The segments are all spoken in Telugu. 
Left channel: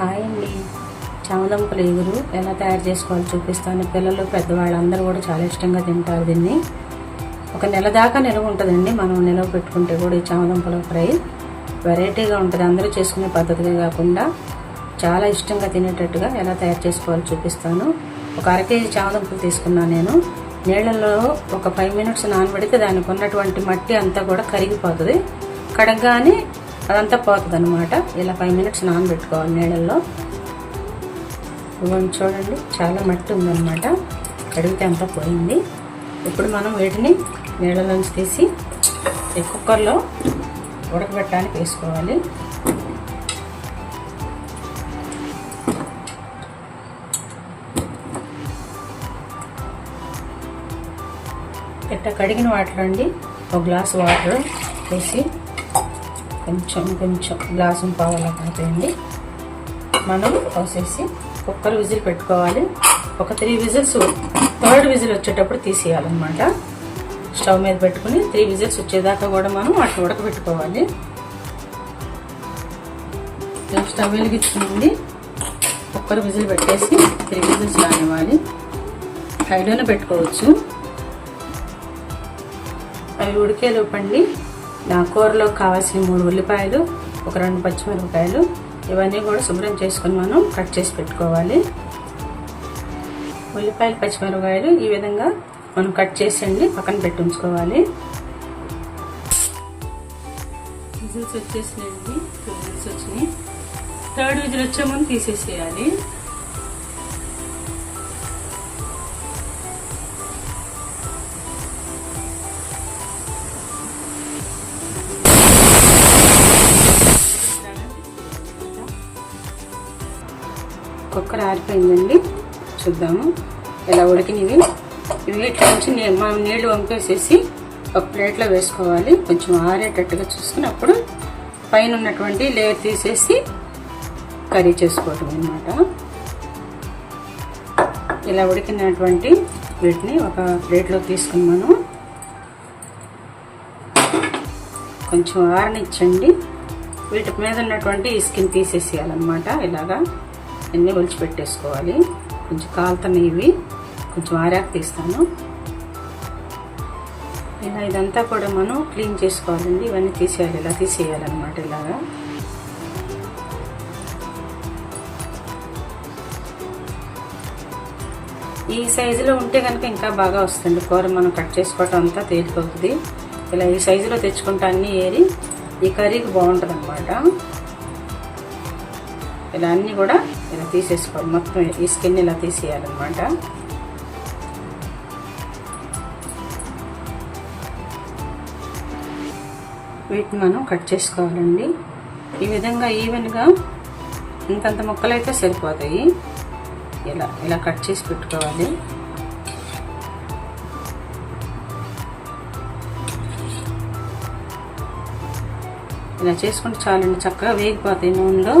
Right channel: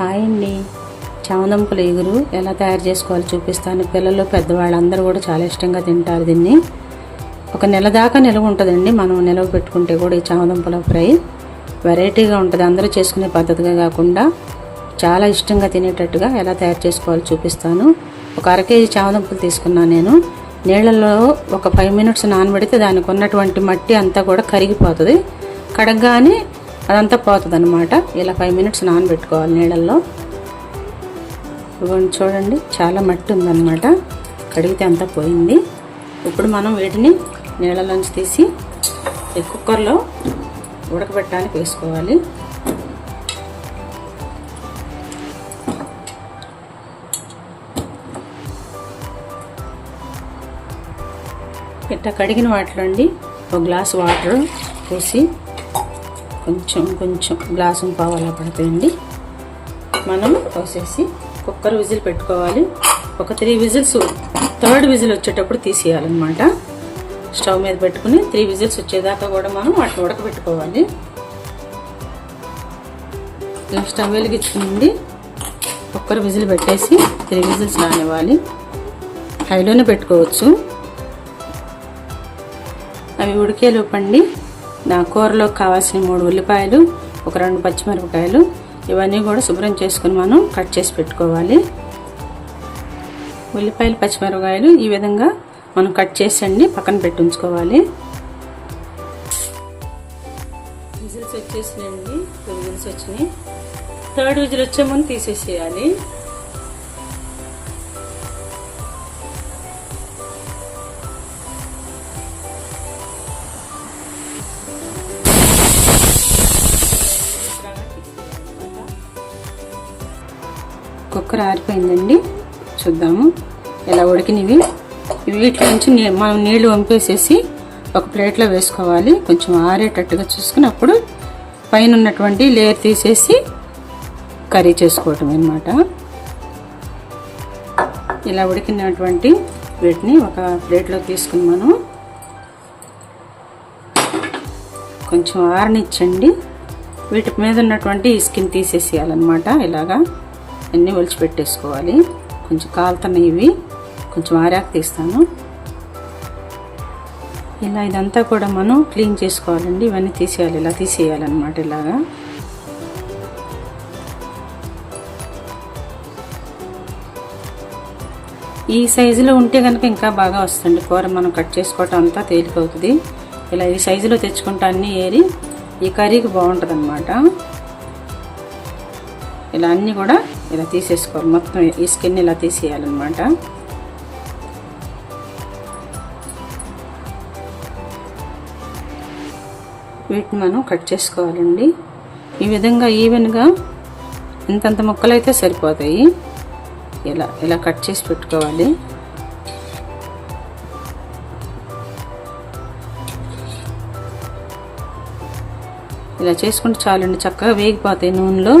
హాయ్ అండి. చామదంపుల ఎగురు. ఎలా తయారు చేసుకోవాలో చూపిస్తాను. పిల్లలు పెద్దవాళ్ళు అందరూ కూడా చాలా ఇష్టంగా తింటారు దీన్ని. ఒక నెల దాకా నిలవ ఉంటుందండి. మనం నిలవ పెట్టుకుంటే కూడా ఈ చామదంపుల ఫ్రై వెరైటీగా ఉంటుంది. అందరూ చేసుకునే పద్ధతిగా కాకుండా చాలా ఇష్టంగా తినేటట్టుగా ఎలా తయారు చేసుకోవాలో చూపిస్తాను. ఒక అర కేజీ చామదంపులు తీసుకున్నాను నేను. నీళ్ళలో ఒక ఫైవ్ మినిట్స్ నానబెడితే దానికి ఉన్నటువంటి మట్టి అంతా కూడా కరిగిపోతుంది. కడగగానే అదంతా పోతుంది అనమాట ఇలా ఫైవ్ మినిట్స్ నానబెట్టుకోవాలి నీళ్ళల్లో. ఇవ్వండి చూడండి చాలా మట్టి ఉందన్నమాట. కడిగితే అంతా పోయింది. ఇప్పుడు మనం వీటిని నీళ్ళలోంచి తీసి కుక్కర్లో ఉడకబెట్టడానికి వేసుకోవాలి. ఇట్లా కడిగిన వాటర్ అండి ఒక గ్లాస్ వాటర్ వేసి కొంచెం కొంచెం గ్లాసుని పావాలా కాపేయండి మనం పోసేసి కుక్కర్ విజిల్ పెట్టుకోవాలి. ఒక త్రీ విజిల్స్ థర్డ్ విజిల్ వచ్చేటప్పుడు తీసేయాలన్నమాట. స్టవ్ మీద పెట్టుకుని త్రీ విజిల్స్ వచ్చేదాకా కూడా మనం వాటిని ఉడకబెట్టుకోవాలి స్టవ్ వెలిగించుకుంది కుక్కర్ విజిల్ పెట్టేసి త్రీ విజిల్స్ రానివ్వాలి. హైలోనే పెట్టుకోవచ్చు. అవి ఉడికే లోపండి. నా కూరలోకి కావాల్సిన మూడు ఉల్లిపాయలు ఒక రెండు పచ్చిమిరపకాయలు ఇవన్నీ కూడా శుభ్రం చేసుకుని మనం కట్ చేసి పెట్టుకోవాలి. ఉల్లిపాయలు పచ్చిమిరపకాయలు ఈ విధంగా మనం కట్ చేసండి పక్కన పెట్టి ఉంచుకోవాలి. విజిల్స్ వచ్చేసినాయండి. టూ విజిల్స్ వచ్చినాయి. థర్డ్ విజిల్ వచ్చే ముందు తీసేసేయాలి. కుక్కర్ చూద్దాము. ఇలా ఉడికినవి? వీటి నుంచి మనం నీళ్ళు వంపేసేసి ఒక ప్లేట్లో వేసుకోవాలి. కొంచెం ఆరేటట్టుగా చూసుకున్నప్పుడు పైన ఉన్నటువంటి లేయర్ తీసేసి కర్రీ చేసుకోవటం అనమాట ఇలా ఉడికినటువంటి వీటిని ఒక ప్లేట్లో తీసుకున్నాను. కొంచెం ఆరనిచ్చండి. వీటి మీద ఉన్నటువంటి స్కిన్ తీసేసేయాలన్నమాట ఇలాగా. అన్నీ ఒలిచిపెట్టేసుకోవాలి కొంచెం కాలుతున్నవి కొంచెం ఆరాకు తీస్తాను. ఇలా ఇదంతా కూడా మనం క్లీన్ చేసుకోవాలండి. ఇవన్నీ తీసేయాలి. ఇలా తీసేయాలన్నమాట ఇలాగా. ఈ సైజులో ఉంటే కనుక ఇంకా బాగా వస్తుంది. కూర మనం కట్ చేసుకోవటం అంతా తేలికవుతుంది. ఇలా ఈ సైజులో తెచ్చుకుంటే అన్నీ ఏరి ఈ కర్రీకి బాగుంటుంది అనమాట ఇలా అన్నీ కూడా ఇలా తీసేసుకోవాలి మొత్తం ఈ స్కిన్ ఇలా తీసేయాలన్నమాట వీటిని మనం కట్ చేసుకోవాలండి. ఈ విధంగా ఈవెన్గా ఇంతంత ముక్కలు అయితే సరిపోతాయి. ఇలా ఇలా కట్ చేసి పెట్టుకోవాలి. ఇలా చేసుకుంటే చాలండి చక్కగా వేగిపోతాయి నూనెలో.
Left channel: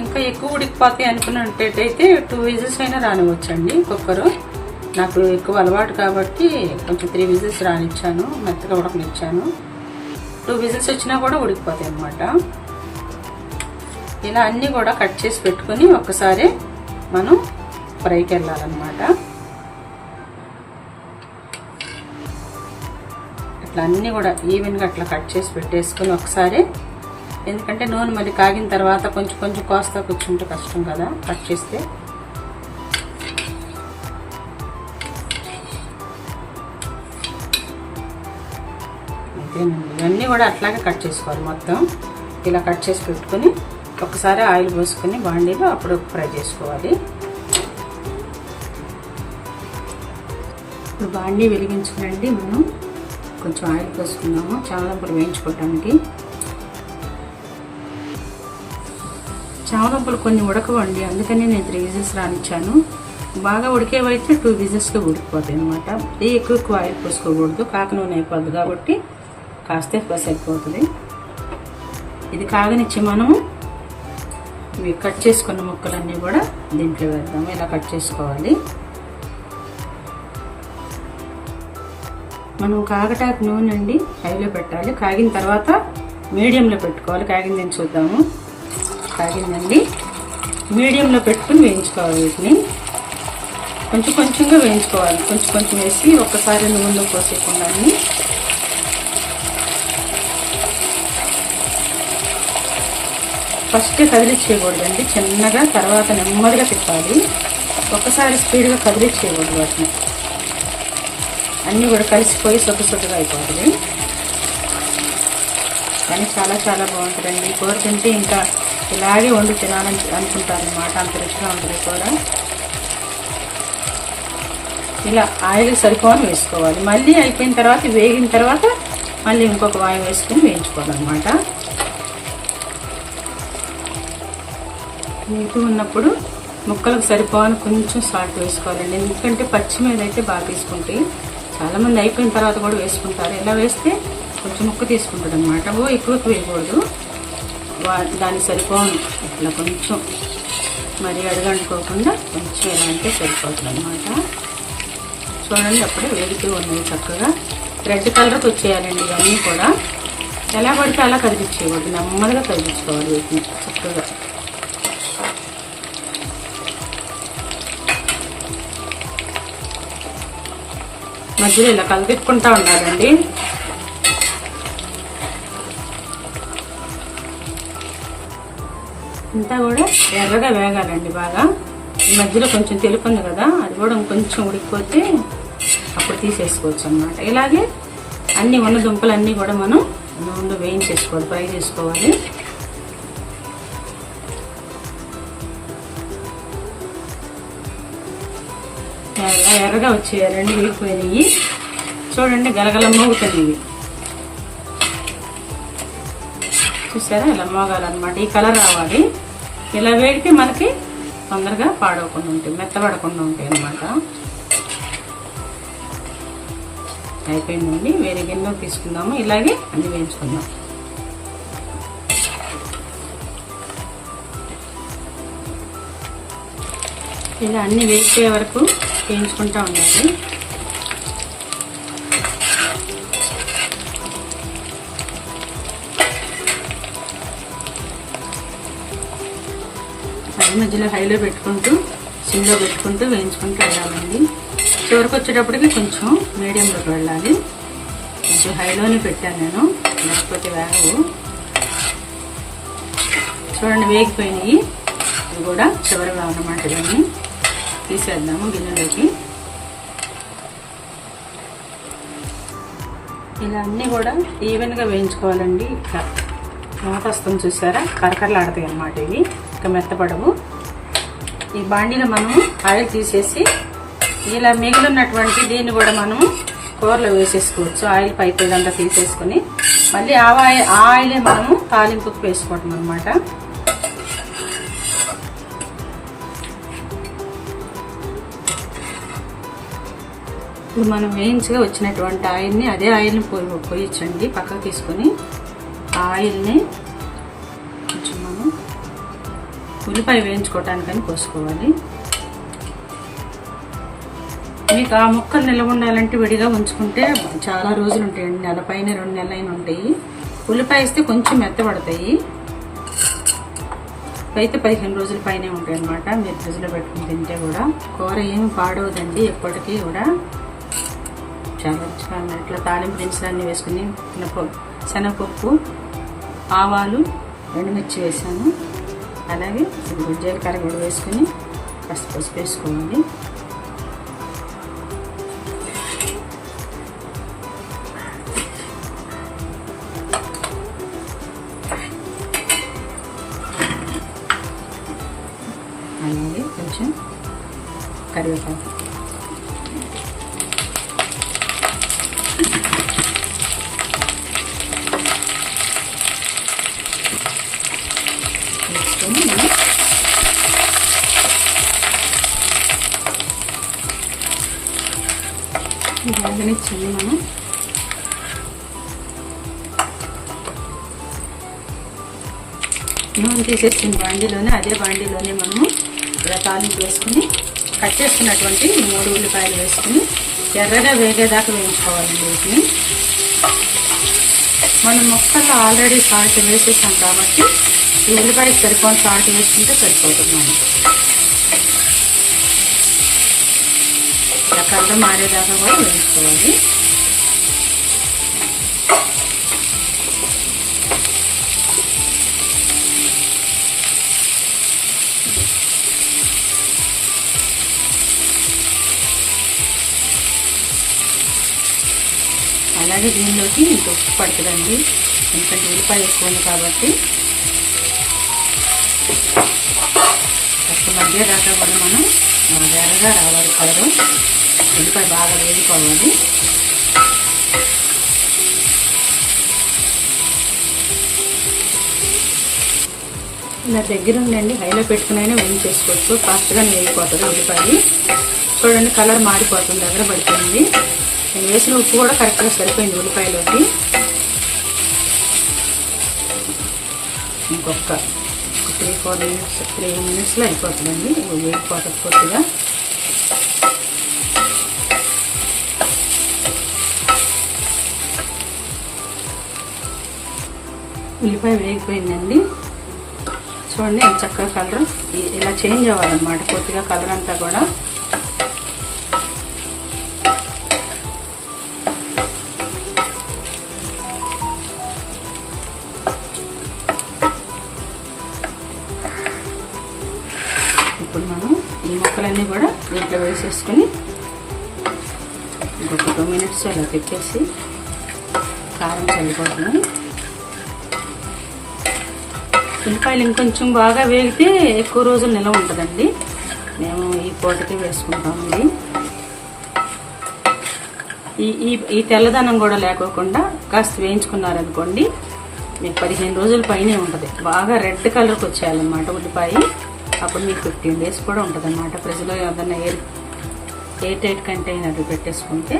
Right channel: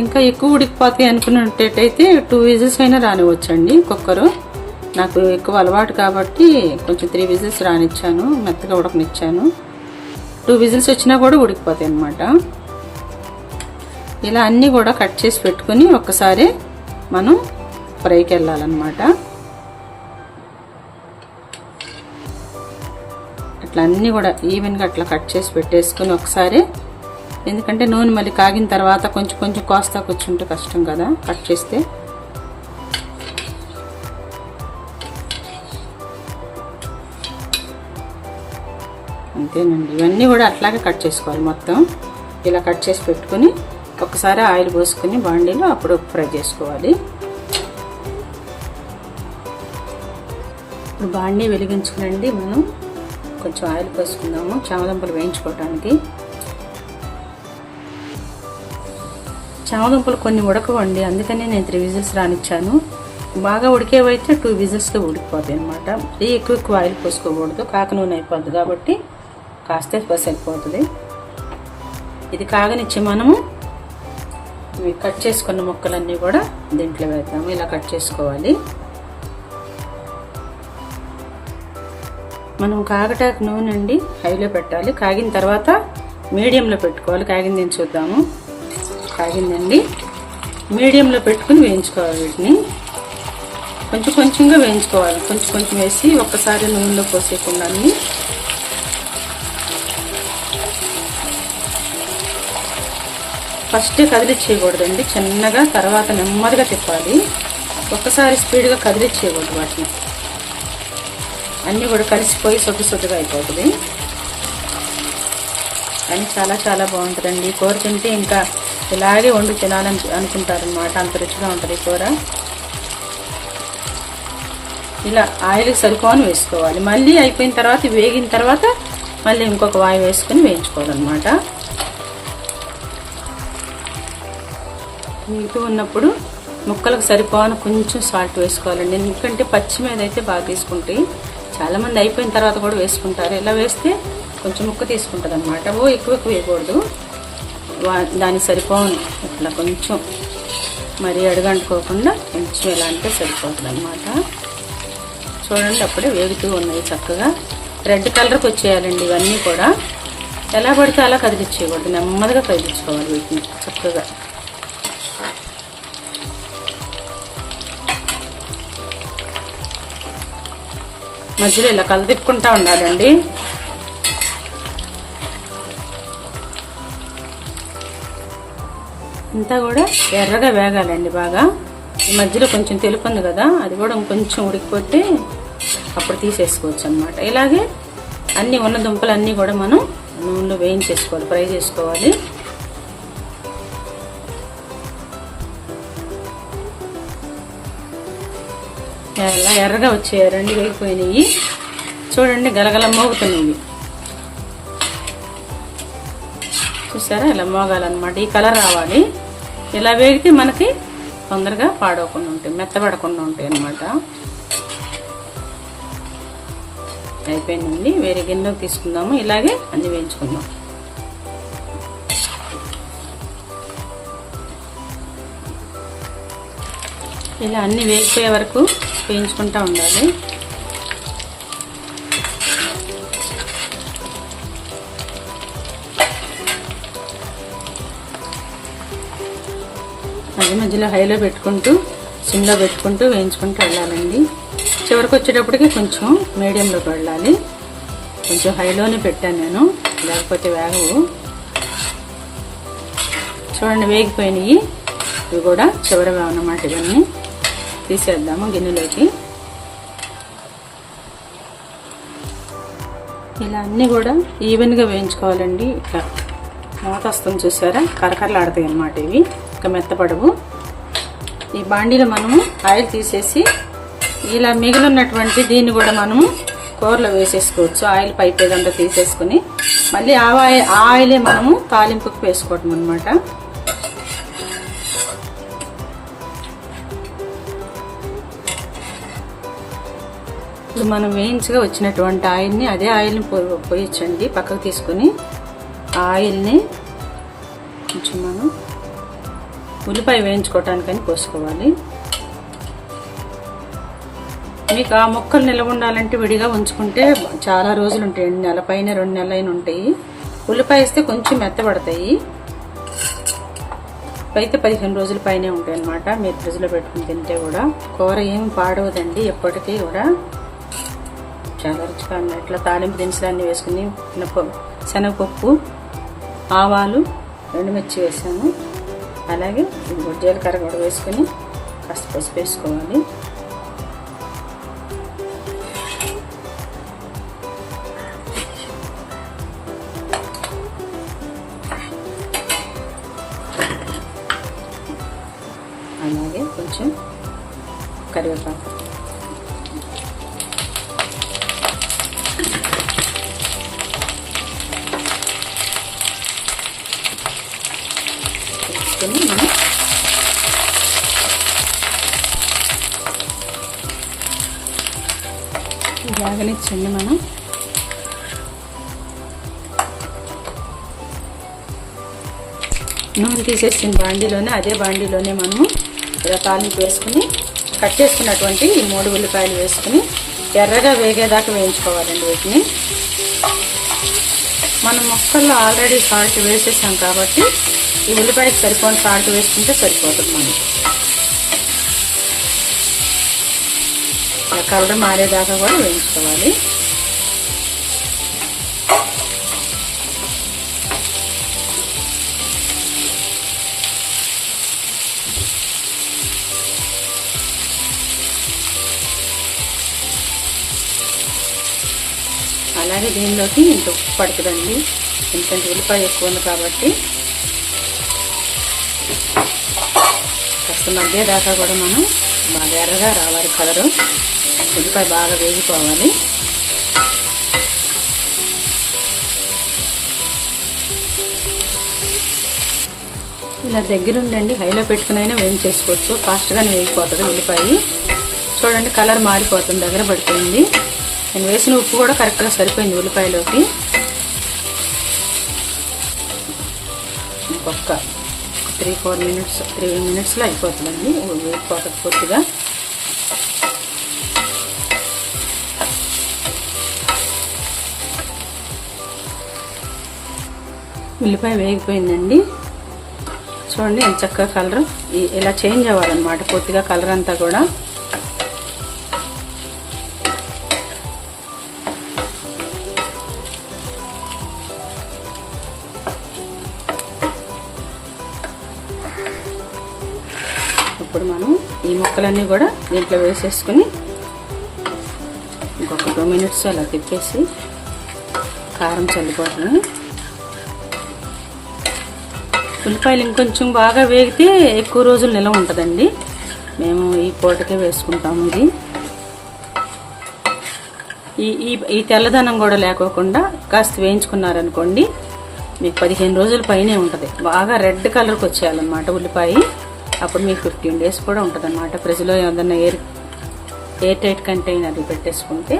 ఇంకా ఎక్కువ ఉడికిపోతాయి అనుకున్నట్టయితే టూ విజిల్స్ అయినా రానివ్వచ్చండి కుక్కరు. నాకు ఎక్కువ అలవాటు కాబట్టి కొంచెం త్రీ విజిల్స్ రానిచ్చాను మెత్తగా ఉడకనిచ్చాను. టూ విజిల్స్ వచ్చినా కూడా ఉడికిపోతాయి అన్నమాట. ఇలా అన్నీ కూడా కట్ చేసి పెట్టుకుని ఒక్కసారి మనం ఫ్రైకి వెళ్ళాలన్నమాట. అట్లా అన్నీ కూడా ఈవెన్గా అట్లా కట్ చేసి పెట్టేసుకుని ఒకసారి ఎందుకంటే నూనె మళ్ళీ కాగిన తర్వాత కొంచెం కొంచెం కోస్తా కూర్చుంటే కష్టం కదా కట్ చేస్తే. అంతేనండి. ఇవన్నీ కూడా అట్లాగే కట్ చేసుకోవాలి మొత్తం. ఇలా కట్ చేసి పెట్టుకుని ఒకసారి ఆయిల్ పోసుకొని బాండీలో అప్పుడు ఫ్రై చేసుకోవాలి. ఇప్పుడు బాండీ వెలిగించుకునండి మనం. కొంచెం ఆయిల్ పోసుకుందాము. చామదుంపలు వేయించుకోవడానికి చామదుంపలు కొన్ని ఉడకవండి. అందుకని నేను త్రీ విజిల్స్ రానిచ్చాను. బాగా ఉడికేవైతే టూ విజిల్స్లో ఉడికిపోతాయి అనమాట ఈ ఎక్కువ ఎక్కువ ఆయిల్ పోసుకోకూడదు. కాక నూనె అయిపోద్ది కాబట్టి కాస్తే బస్ అయిపోతుంది ఇది కాగనిచ్చి మనము ఇవి కట్ చేసుకున్న ముక్కలన్నీ కూడా దీంట్లో వేద్దాము. ఇలా కట్ చేసుకోవాలి. మనం కాగటాకు నూనె అండి హైలో పెట్టాలి. కాగిన తర్వాత మీడియంలో పెట్టుకోవాలి. కాగింది చూద్దాము. తగ్గిందండి మీడియంలో పెట్టుకుని వేయించుకోవాలి వీటిని. కొంచెం కొంచెంగా వేయించుకోవాలి. కొంచెం కొంచెం వేసి ఒక్కసారి నూనెలో పోసేకుండా ఫస్ట్ కదిలిచ్చేయకూడదండి. చిన్నగా తర్వాత నెమ్మదిగా తిప్పాలి. ఒక్కసారి స్పీడ్గా కదిలిచ్చేయకూడదు వాటిని. అన్నీ కూడా కలిసిపోయి సొట్టు సొట్టుగా అయిపోతుంది. కానీ చాలా చాలా బాగుంటుందండి. కూర తింటే ఇంకా ఇలాగే వండి తినాలని అనుకుంటారు. అనమాట అంత రుచిగా ఉంటుంది కూర ఇలా ఆయిల్ సరిపోని వేసుకోవాలి. మళ్ళీ అయిపోయిన తర్వాత వేగిన తర్వాత మళ్ళీ ఇంకొక వాయి వేసుకొని వేయించుకోవాలన్నమాట. నీటి ఉన్నప్పుడు ముక్కలకు సరిపోని కొంచెం సాల్ట్ వేసుకోవాలండి ఎందుకంటే పచ్చి మీద అయితే బాగా తీసుకుంటాయి చాలామంది అయిపోయిన తర్వాత కూడా వేసుకుంటారు. ఇలా వేస్తే కొంచెం ముక్క తీసుకుంటుంది అనమాట ఓ ఎక్కువ వేయకూడదు. వా- దానికి సరిపోను ఇట్లా కొంచెం మరీ అడగంటుకోకుండా కొంచెం ఎలా అంటే సరిపోతుంది అనమాట చూడండి అప్పుడే వేగుతూ ఉన్నాయి చక్కగా. రెడ్ కలర్కి వచ్చేయాలండి ఇవన్నీ కూడా. ఎలా పడితే అలా కదిలించేయకూడదు నెమ్మదిగా కదిలించుకోవాలి వీటిని చక్కగా. మధ్యలో ఇలా కలదిప్పుకుంటా ఉండాలండి. ఇంతా కూడా ఎర్రగా వేగాలండి బాగా. ఈ మధ్యలో కొంచెం తెలుపు ఉంది కదా అది కూడా కొంచెం ఉడికిపోతే అప్పుడు తీసేసుకోవచ్చు అనమాట ఇలాగే అన్ని ఉన్న దుంపలు అన్నీ కూడా మనం నూనెలో వేయించేసుకోవాలి ఫ్రై చేసుకోవాలి. ఎర్ర ఎర్రగా వచ్చేయాలండి వేగిపోయినాయి. చూడండి గలగల మోగుతున్నాయి చూసారా? ఇలా మోగాలన్నమాట. ఈ కలర్ రావాలి. ఇలా వేగితే మనకి తొందరగా పాడవకుండా ఉంటాయి మెత్తబడకుండా ఉంటాయి అన్నమాట. అయిపోయిందండి. వేరే గిన్నెలో తీసుకుందాము. ఇలాగే అన్ని వేయించుకుందాం. ఇలా అన్ని వేగిపోయే వరకు వేయించుకుంటా ఉండాలి. ఈ మధ్యలో హైలో పెట్టుకుంటూ సిమ్లో పెట్టుకుంటూ వేయించుకుంటూ వెళ్ళాలండి. చివరికి వచ్చేటప్పటికి కొంచెం మీడియంలోకి వెళ్ళాలి. కొంచెం హైలోనే పెట్టాను నేను లేకపోతే వేగవు. చూడండి వేగిపోయినాయి. ఇవి కూడా చివరి అన్నమాట ఇవన్నీ. తీసేద్దాము గిన్నెలోకి. ఇలా అన్నీ కూడా ఈవెన్గా వేయించుకోవాలండి. ఇట్లా మూత వస్తుంది చూసారా? కరకరలాడతాయి అన్నమాట ఇవి. ఇక మెత్తపడవు ఈ బాండీలో మనం ఆయిల్ తీసేసి ఇలా మిగిలినటువంటి దీన్ని కూడా మనము కూరలో వేసేసుకోవచ్చు. ఆయిల్ పైప్ ఏదంతా తీసేసుకుని మళ్ళీ ఆ ఆయిల్ ఆ ఆయిలే మనము తాలింపుకు వేసుకోవటం అనమాట మనం మెయిన్స్గా వచ్చినటువంటి ఆయిల్ని అదే ఆయిల్ని పోయొచ్చండి. పక్కకు తీసుకొని ఆ ఆయిల్ని ఉల్లిపాయ వేయించుకోవటానికని పోసుకోవాలి మీకు ఆ ముక్కలు నిల్వ ఉండాలంటే విడిగా ఉంచుకుంటే చాలా రోజులు ఉంటాయండి నెల పైన రెండు నెలలైన ఉంటాయి. ఉల్లిపాయ వేస్తే కొంచెం మెత్తబడతాయి. అయితే పదిహేను రోజుల పైనే ఉంటాయి అన్నమాట మీరు ఫ్రిడ్జ్లో పెట్టుకుని తింటే కూడా. కూర ఏం పాడవదండి ఎప్పటికీ కూడా. చాలా రుచిగా ఉంది. అట్లా తాలింపు దినుసులు అన్నీ వేసుకుని శనగపప్పు ఆవాలు ఎండుమిర్చి వేసాను. అలాగే జీలకర్ర కూడా వేసుకొని పసుపు పసుపు వేసుకోవాలి. వేగనిచ్చింది మనం. నూనె తీసేసిన బాండీలోనే అదే బాండీలోనే మనము ఇలా తాలింపు వేసుకుని కట్ చేసుకున్నటువంటి ఈ మూడు ఉల్లిపాయలు వేసుకుని ఎర్రగా వేగేదాకా వేయించుకోవాలండి వీటిని. మనం మొక్కల్లో ఆల్రెడీ సాల్ట్ వేసేసాం కాబట్టి ఈ ఉల్లిపాయకి సరిపోయిన సాల్ట్ వేసుకుంటే సరిపోతుంది. కలర్ మారేదాకా కూడా వేయించుకోవాలి అలాగే దీనిలోకి ఇంత ఉప్పు పడుతుందండి ఎందుకంటే ఉల్లిపాయ ఎక్కువ కాబట్టి. కాస్త మధ్య దాకా కూడా మనం ఎర్రగా రావాలి కలరు ఉల్లిపాయ బాగా వేగిపోవాలి ఇలా దగ్గర ఉండండి హైలో పెట్టుకునైనా వేయించేసుకోవచ్చు ఫాస్ట్గానే వేగిపోతుంది ఉల్లిపాయ చూడండి కలర్ మారిపోతుంది దగ్గర పడుతుంది. నేను వేసిన ఉప్పు కూడా కరెక్ట్గా సరిపోయింది ఉల్లిపాయలోకి. ఇంకొక త్రీ ఫోర్ మినిట్స్ త్రీ మినిట్స్లో అయిపోతుందండి. ఉల్లిపోతుంది పూర్తిగా. ఉల్లిపాయ వేగిపోయిందండి. చూడండి ఎంత చక్కగా కలర్. ఇలా చేంజ్ అవ్వాలన్నమాట పూర్తిగా కలర్ అంతా కూడా. ఇప్పుడు మనం ఈ ముక్కలన్నీ కూడా దీంట్లో వేసేసుకొని ఒక టూ మినిట్స్ అలా తిప్పేసి కారం చల్లిపోతాము ఉల్లిపాయలు ఇంకొంచెం బాగా వేగితే ఎక్కువ రోజులు నిలవ ఉంటుందండి. మేము ఈ పూటకే వేసుకుంటాము ఇది. ఈ ఈ ఈ తెల్లదనం కూడా లేకోకుండా కాస్త వేయించుకున్నారనుకోండి మీకు పదిహేను రోజుల పైనే ఉంటుంది. బాగా రెడ్ కలర్కి వచ్చేయాలన్నమాట ఉల్లిపాయ. అప్పుడు మీకు ఫిఫ్టీన్ డేస్ కూడా ఉంటుంది అనమాట ఫ్రిడ్జ్లో ఏదన్నా ఎయిర్ ఎయిర్ టైట్ కంటైనర్లు పెట్టేసుకుంటే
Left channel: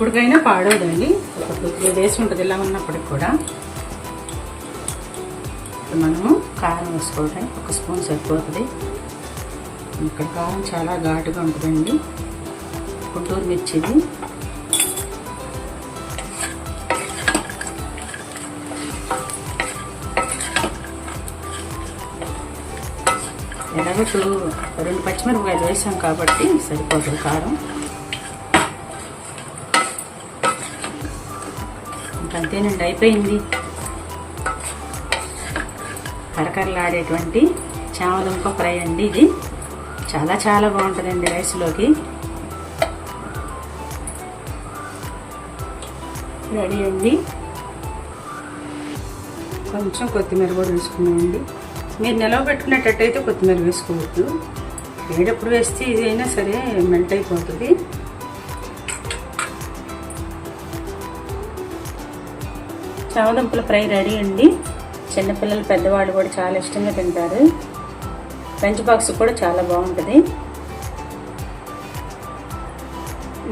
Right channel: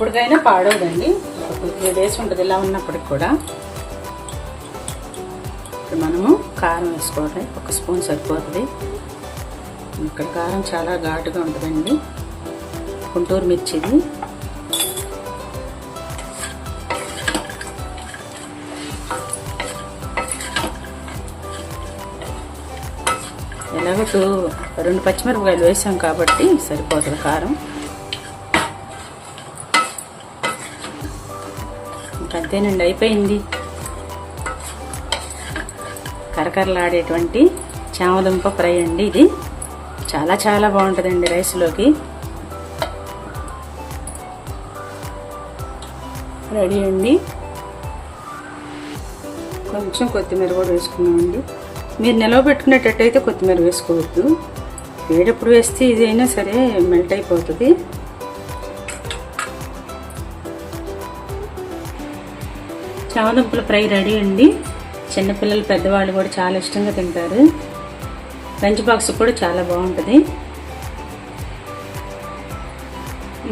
ఎప్పటికైనా పాడవదండి. త్రీ డేస్ ఉంటుంది ఇలా ఉన్నప్పటికి కూడా. మనము కారం వేసుకోవాలి ఒక స్పూన్ సరిపోతుంది. ఇక్కడ కారం చాలా ఘాటుగా ఉంటుందండి. గుంటూరు మిర్చిది. ఎలాగో టూ రెండు పచ్చిమిరపకాయలు వేసాం కాబట్టి సరిపోతుంది కారం. అంతేనండి అయిపోయింది. కరకరలాడేటువంటి చామదుంప ఫ్రై అండి ఇది. చాలా చాలా బాగుంటుందండి రైస్లోకి. రెడీ అండి. కొంచెం కొత్తిమీర కూడా వేసుకున్నామండి మీరు నిలవ పెట్టుకునేటట్టయితే కొత్తిమీర వేసుకోవద్దు. వేడప్పుడు వేస్తే ఇది అయినా సరే మెల్ట్ అయిపోతుంది. చామదుంపల ఫ్రై రెడీ అండి. చిన్నపిల్లలు పెద్దవాళ్ళు కూడా చాలా ఇష్టంగా తింటారు. లంచ్ బాక్స్ కూడా చాలా బాగుంటుంది.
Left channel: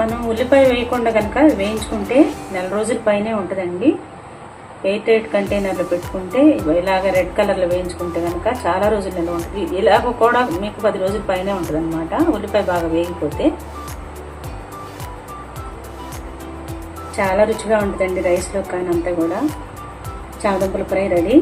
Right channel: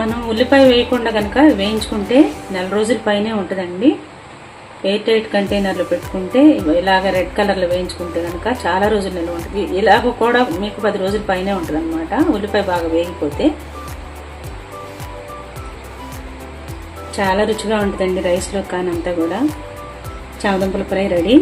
మనం ఉల్లిపాయ వేయకుండా కనుక వేయించుకుంటే నెల రోజుల పైనే ఉంటుందండి. ఎయిట్ ఎయిట్ కంటైనర్లో పెట్టుకుంటే ఇలాగ రెడ్ కలర్లో వేయించుకుంటే కనుక చాలా రోజులు నిల్వ ఉంటుంది. ఇలాగ కూడా మీకు పది రోజుల పైనే ఉంటుంది అనమాట ఉల్లిపాయ బాగా వేగిపోతే. చాలా రుచిగా ఉంటుందండి రైస్లో కానీ అంతా కూడా. చామదుంపల ఫ్రై రెడీ.